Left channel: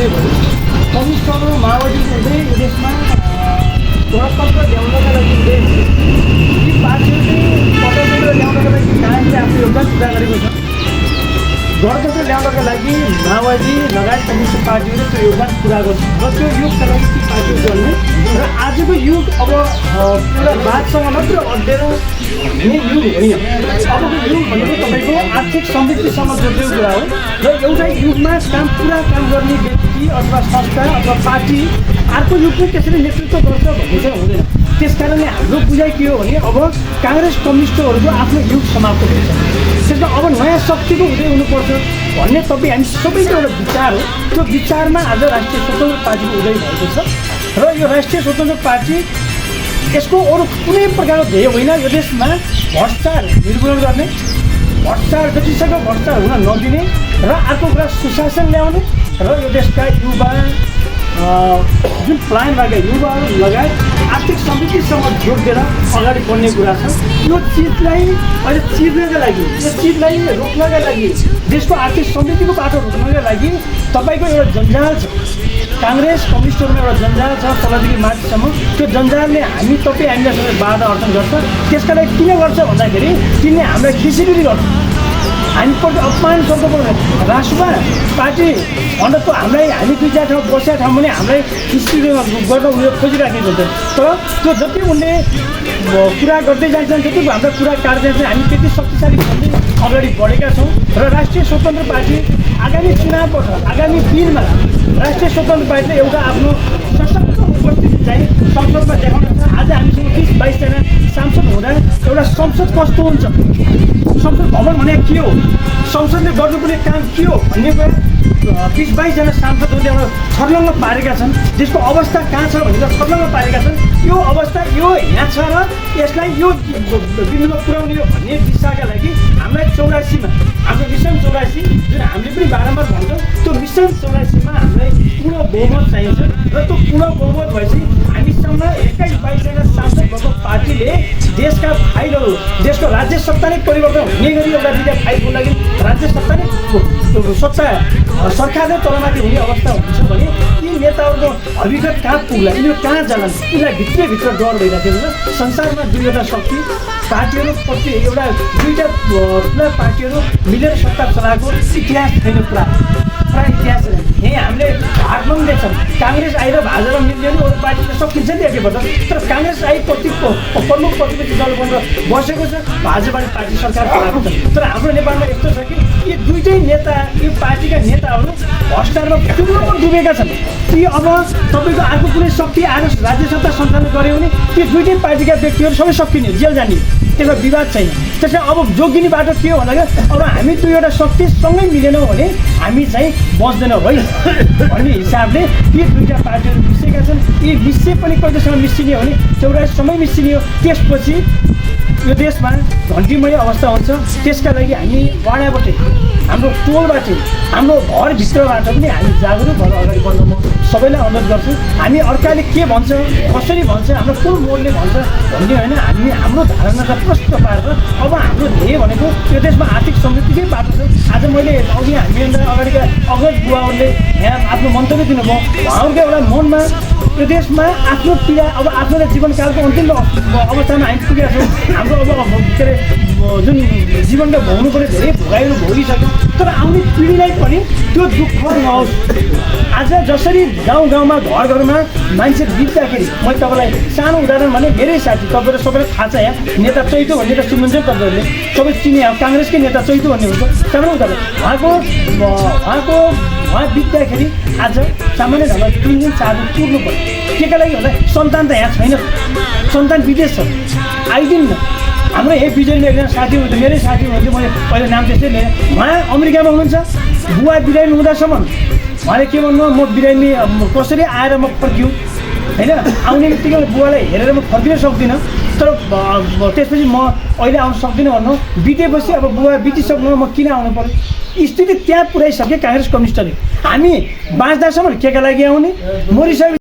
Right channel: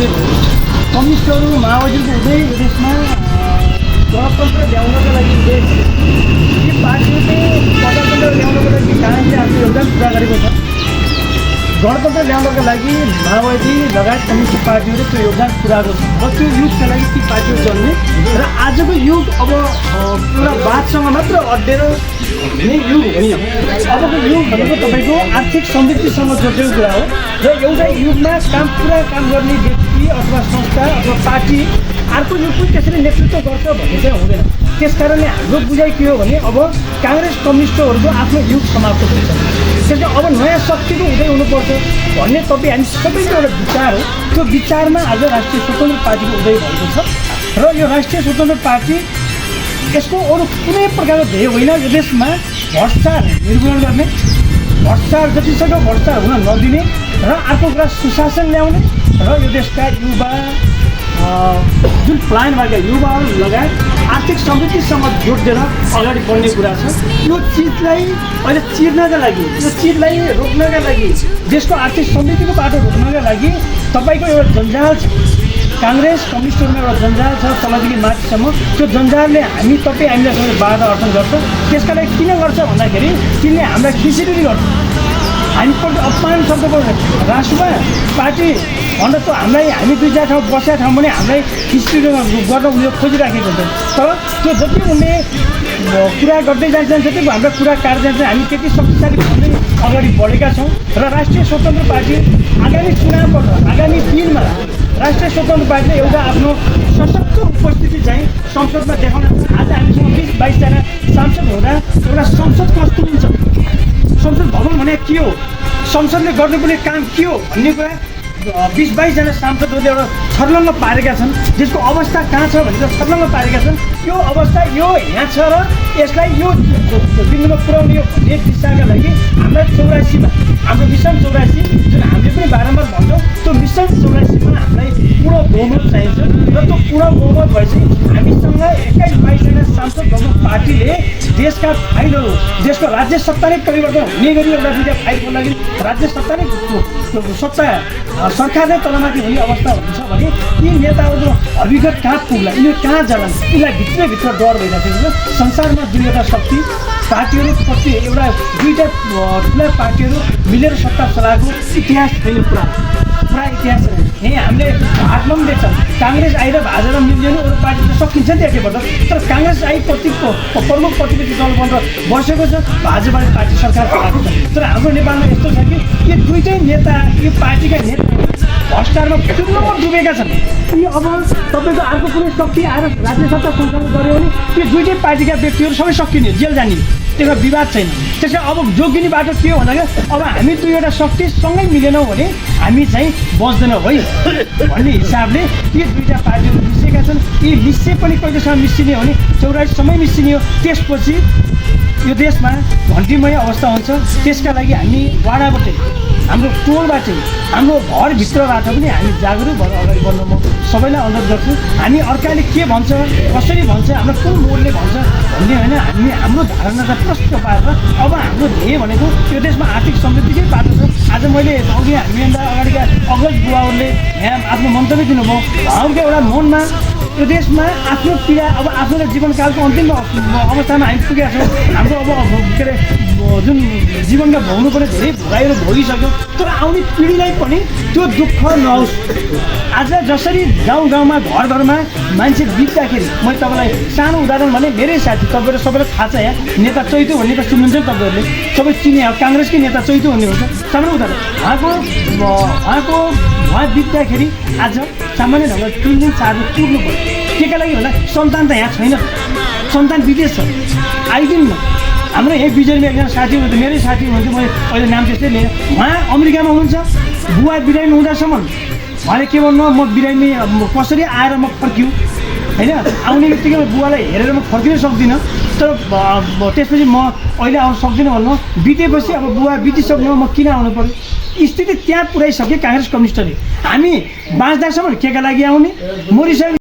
उदय भयो कम्युनिस्टहरू माओवादीको उदय देशमा गणतन्त्र ल्याउनका लागि उदय यी पार्टीहरूले गणतन्त्र ल्याउनको लागि कहाँनिर आफ्नो योगदान पुरा गरेको छ गणतन्त्र ल्याउनका लागि माओवादी लगायत कम्युनिस्ट पार्टीहरूले त्यो योगदान पुरा गर्छ र त्यो युगका लागि ती पार्टीहरू चल्ने र आजको युग अब पुरा वादसँग मात्र अड्डेर नै युग होइन अबको युग भनेको तपाईँको आर्थिक समृद्धिसँग जोडिएको कुरा हो र एउटा युगमा पुरा काम गर्ने व्यक्ति अथवा संस्था अथवा पार्टी अर्को युगको त्यसरी नेतृत्व गर्छ भन्ने चाहिँ हुँदैन त्यस कारणले हाम्रो बुझाइ के हो भने अब काङ्ग्रेस कम्युनिस्टहरूको आफ्नो युग समाप्त हुन्छ त्यसमा अब नयाँ शक्तिको उदय हुनुपर्छ भन्ने तपाईँ हामी सबैको एउटा विचार हो त्यो विचारमा आज राष्ट्रिय स्वतन्त्र पार्टीको उदय भएको छ र यो राष्ट्रिय स्वतन्त्र पार्टी यसको अरू कुनै प्रकारको ध्येय होइन यो देशमा भ्रष्टाचार निर्मूलन गर्ने भ्रष्टाचार जतिसक्दो भ्रष्टाचार हुन नदिने र अर्को कुरा सुशासन ल्याउने र यो देशका युवा जुन प्लान भएका युवाहरू लगायत आर्थिक समृद्धिसँग जोडिदिएर अगाडि बढ्ने कुरा छ यो चिजलाई अहिले चिर्नका लागि यो चिजलाई रोक्नका लागि देशको आर्थिक समृद्धिको बाटो रोक्नका लागि तपाईँको एउटा जन्जाल छ काङ्ग्रेस कम्युनिस्टहरूमा एउटा जन्जाल छ तलदेखि माथिसम्म त्यो जन्जालले हामीलाई सबै बाधा अर्जन गर्छ त्यसका लागि किन गर्छ भन्दाखेरि तिनले हामीलाई खिचिडुरी गर्छ हामीप्रति अपमान शब्द राष्ट्रमा पार्टी अन्त त हामी दुई चार ठाउँ बसेका ठाउँ भने हामीलाई हिस्ट्री गर्न उनीहरू खोजिराखेको हुन्छ तर त्यो जति उनले कुरा गर्दै जान्छन् जति हाम्रो कुरा काट्दै जान्छन् हामी त्यति शक्तिशाली भन्दै अगाडि बढेका छौँ र राष्ट्रिय स्वतन्त्र पार्टी आगामी चुनावबाट आगामी दिनमा राष्ट्रिय स्वतन्त्र पार्टीले एउटा आफ्नो सशक्त उपस्थिति चाहिँ संसदमा देखाउन आज हामीसँग 20-22 जना सांसद हुँदा एउटा संसद कस्तो हुन्छ संसद भवन भने के हो संसदले गर्नुपर्ने काम के हो भन्ने कुरा 20-22 जना सांसदहरूले एउटा छर्लङ्ग पारेका छन् जसको अवस्था कहाँ छ भनेर छर्लङ्ग पारेका छन् यो अवस्था यो यहाँ छ र यसलाई यो बिन्दुमा पुर्याउने हो भन्ने दिशाका लागि हामीलाई 84मा हाम्रो मिसन 84 जुन हामीले पनि बारम्बार भन्छौँ त्यो मिसन 84मा हामीलाई पूर्ण बहुमत चाहिन्छ र त्यो पूर्ण बहुमत भएपछि हामीसँग 21-22 जना सांसद भएको पार्टीले देशका फाइलहरू देशको राज्य सत्ता नै परिवर्तन हुने गरी एउटा दुईवटा फाइलको लागि राज्य सत्ता नै सत्ता सरकार नै तलमाथि हुने अवस्था हुन्छ भने यी नेताहरूको अभिगत कहाँ पुग्ला यिनीहरू कहाँ जालान् यिनीलाई भित्रभित्र डर भइरहेको छ संसारमा दुईवटा शक्ति पार्टीहरू प्रति एउटा दुईवटा ठुला पार्टीहरू मिलेर सत्ता चलाएको इतिहास छैन पुरा इतिहास छैन यहीँ हामीले हातमा पनि देख्छौँ काङ्ग्रेस आएर भाजपा मिल्यो भने अरू पार्टी त सकिन्छ नि एकैपल्ट तर काङ्ग्रेस आई प्रमुख प्रतिनिधि दल बनेर बसेको छ भाजपा पार्टी सरकार चलाएको छ तर हाम्रो नेपालमा यस्तो छ कि यी दुईटै नेता यो पार्टीका नेताहरू भ्रष्टाचारमा चुम्लोमा डुबेका छन् यी अब तपाईँको अर्को कुनै शक्ति आएर राज्य सत्ता सञ्चालन गऱ्यो भने त्यो दुईटै पार्टीका व्यक्तिहरू सबै सकिने जेल जाने त्यसमा विवाद छैन त्यसै अब जोगिने बाटो के हो भन्दाखेरि अब हामी दुईवटा शक्तिसँगै मिलेनौँ भने हामी चाहिँ बच्दैनौँ है भन्ने हिसाबले यी दुईवटा पार्टीहरू मिसिएका छन् यी मिसिए पनि कहिलेसम्म मिसिने हो भने 84सम्मै मिसिने हो त्यसपछि यो देशमा घन्टीमय अवस्था हुन्छ त्यसका लागि हामी वाडाबाटै हाम्रो टोलबाट हाम्रो घरभित्रबाट पनि हामी जागरुक भएर अगाडि बढ्नु म सबैलाई अनुरोध गर्छु हामी अर्काले के भन्छ कसरी भन्छ हाम्रो कुन मोडले भन्छ भन्ने होइन हामी हाम्रो धारणालाई प्रष्ट पारेर अब हाम्रो ध्येय भनेको यो देशमा आर्थिक समृद्धिकै बाटो छ आज मैले आउने हामीभन्दा अगाडिका अग्रज बुवाहरूले यहाँ आफ्नो मन्तव्य दिनुभयो उहाँहरूको एउटा मनमा यो देशमा आफ्नो पीडा अब आफ्नो जीवनकालको अन्तिम अवस्थामा हामी पुगेका छौँ हाम्रो अब के अरे जुन जीवनमा भोग्नुपर्ने धेरै भोगाइहरू भोगिसक्यो तर आउने पिँढीलाई पनि त्यो दुःख नहोस् आज जसरी गाउँमा घरमा मान्छे बित्दाखेरि मैले तपाईँलाई सानो उदाहरण भने धेरै साथी तपाईँहरू सबैलाई थाहा छ यहाँ नेता चैतो भन्ने त सुन्नुहुन्छ तपाईँहरूले सबै चिने काङ्ग्रेसकै नेता चैतो भन्ने हुन्छ सानो उदाहरण उहाँ बित्दाखेरि आज सामान्य ढङ्गमा 3 दिन 4 दिन पुग्नु पर्यो केका लागि होला सन्तान त यहाँ छैन सन्तान विदेश छ आइदिन्न हाम्रो यही बिजुलीमा एकजना साथी हुन्थ्यो मेरै साथी हुन्थ्यो मैले अहिले नाम त्यस्तै लिएँ उहाँ अमेरिकामा हुनुहुन्छ बुवा बिरामी हुँदासम्म उहाँले के भन्नु म बिरामी कसरी आएर म फर्किउँ होइन आउने बित्तिकै बुवालाई हेरेर म फर्किन सक्दिनँ तर त्यसपछि म अहिले आउन सक्दिनँ भन्नु बितेपछि अब बुवा बितिसक्नु म किन आउनु पर्यो स्थिति त्यहाँ पुऱ्याइसके काङ्ग्रेस कम्युनिस्टले हामी बाँच्दासम्म केका लागि आउने मरिसके